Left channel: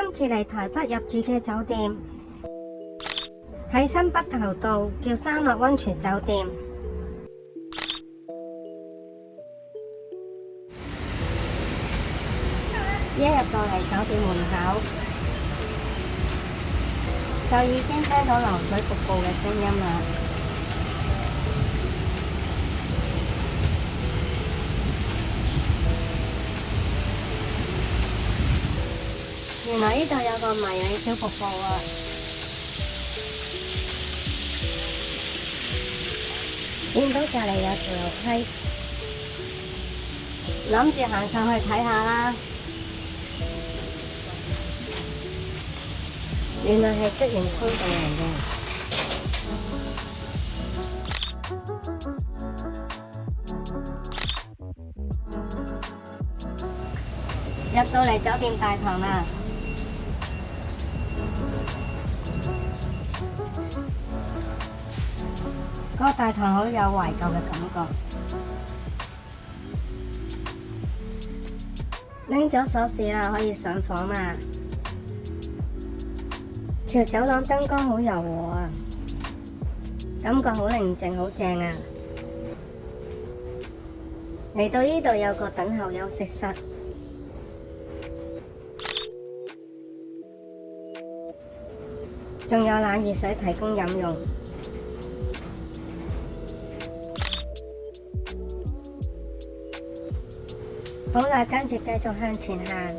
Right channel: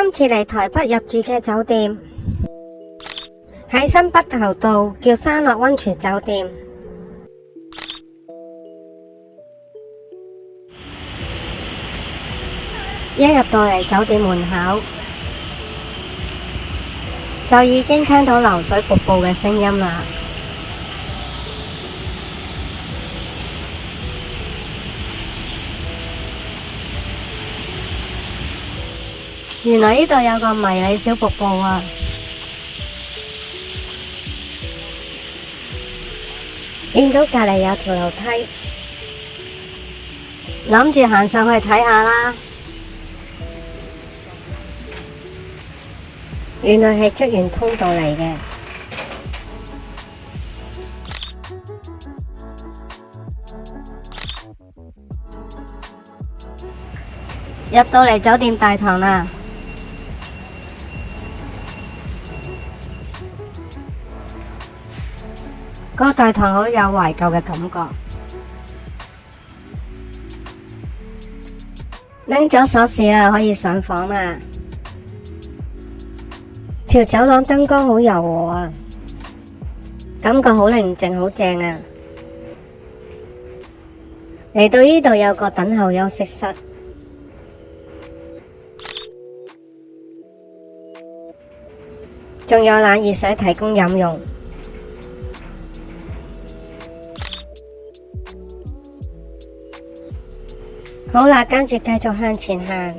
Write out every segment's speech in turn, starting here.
今次嚟台北入住嘅酒店喺新北投道，叫山樂溫泉酒店。一入到嚟酒店門口，就已經聽到流水瀑布嘅聲音啦。原來呢度有個迷你小瀑布啊！見到隔離有條樓梯，諗住行上去睇下啦。原來係職員通道嚟嘅。入到嚟酒店大堂啦，個大堂好有懷舊嘅感覺。拎咗鎖匙啦，可以上房啦。條走廊燈光好柔和啊，感覺好寧靜，好正啊！嚟到呢度有個等候休息室，仲有冷熱水提供飲用。好啦，跟住繼續向前行。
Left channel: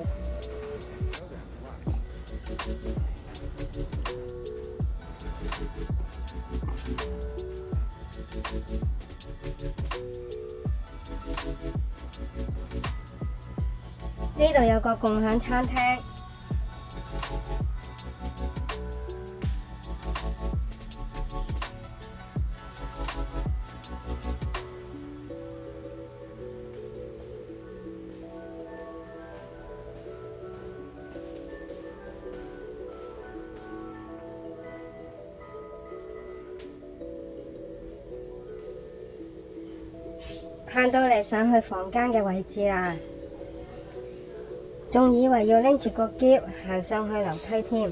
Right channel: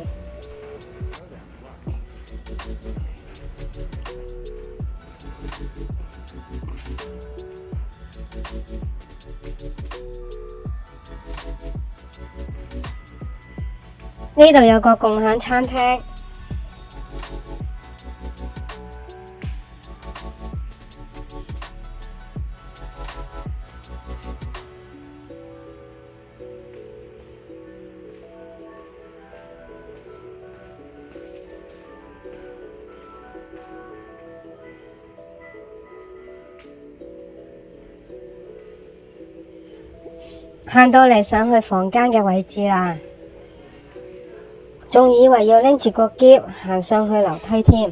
呢度有個共享餐廳，行到嚟上去房間嘅位置啦。仲以為要拎住個篋行上去樓梯添，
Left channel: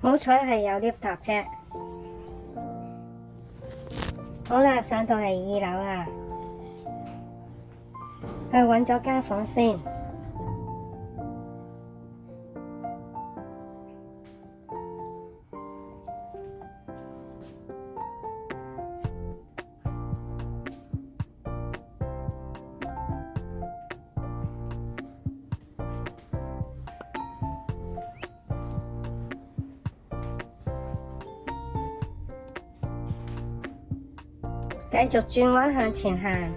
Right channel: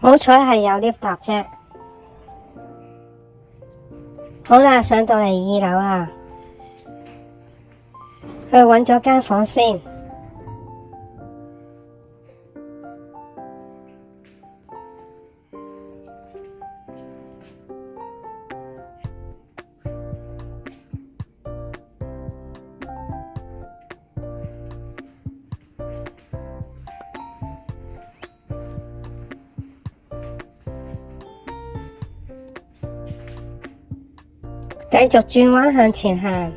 好彩係有 lift 搭啫。好啦，上到嚟2樓啦，去揾咗間房先。繼續轉彎向前行，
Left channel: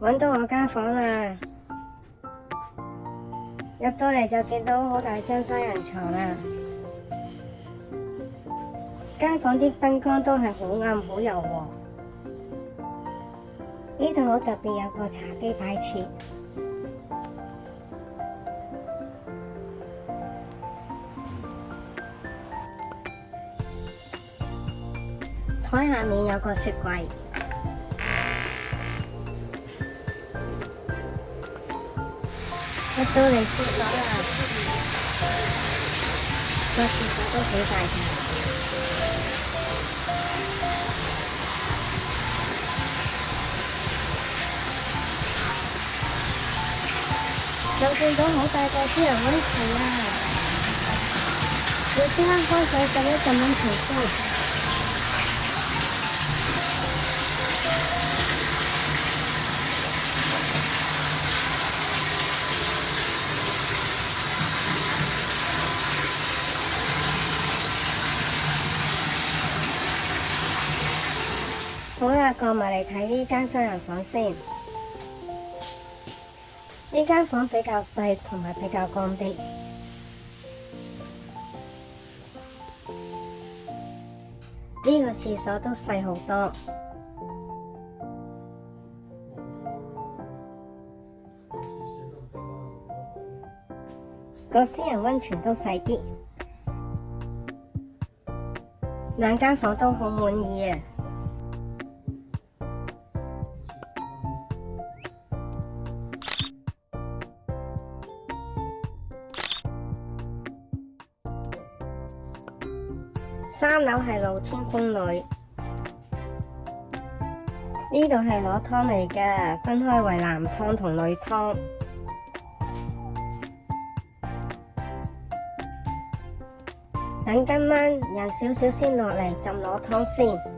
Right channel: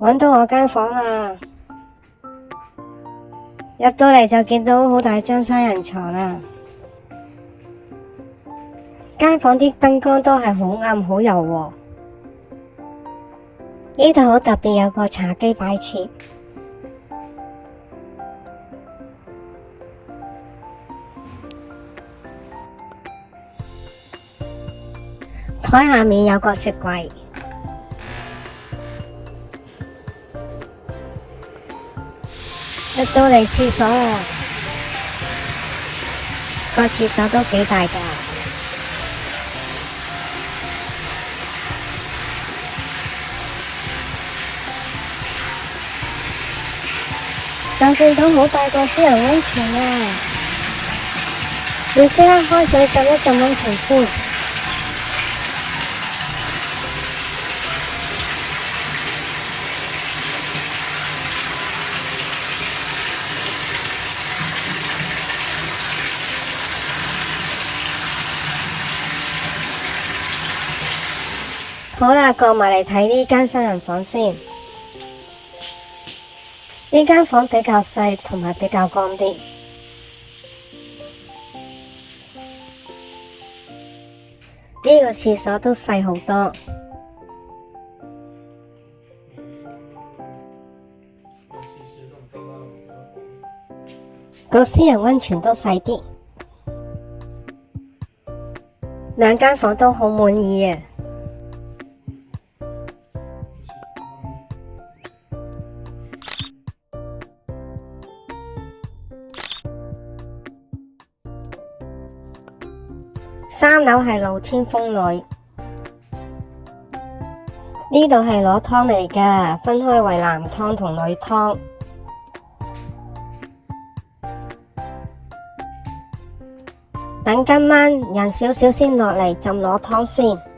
搵到我間房啦！入到嚟就見到好大張雙人床啦。間房啲燈光都係好暗好柔和。呢度好特別，有個茶几擺設。台下面有個雪櫃。入到嚟廁所啦，個廁所都幾大㗎，就見到好大個私人溫泉啊！要即刻開水浸一浸溫泉先。好啦，過埋嚟睇呢間雙人房先。呢間房比較細同埋比較乾啲。呢個廁所都細好多，個私人溫泉都細啲。兩間房都好滿意啊！3樓係露天風呂，呢度係攞湯嚟㗎，分開為男湯同女湯。等今晚人少少先落嚟浸攞湯先。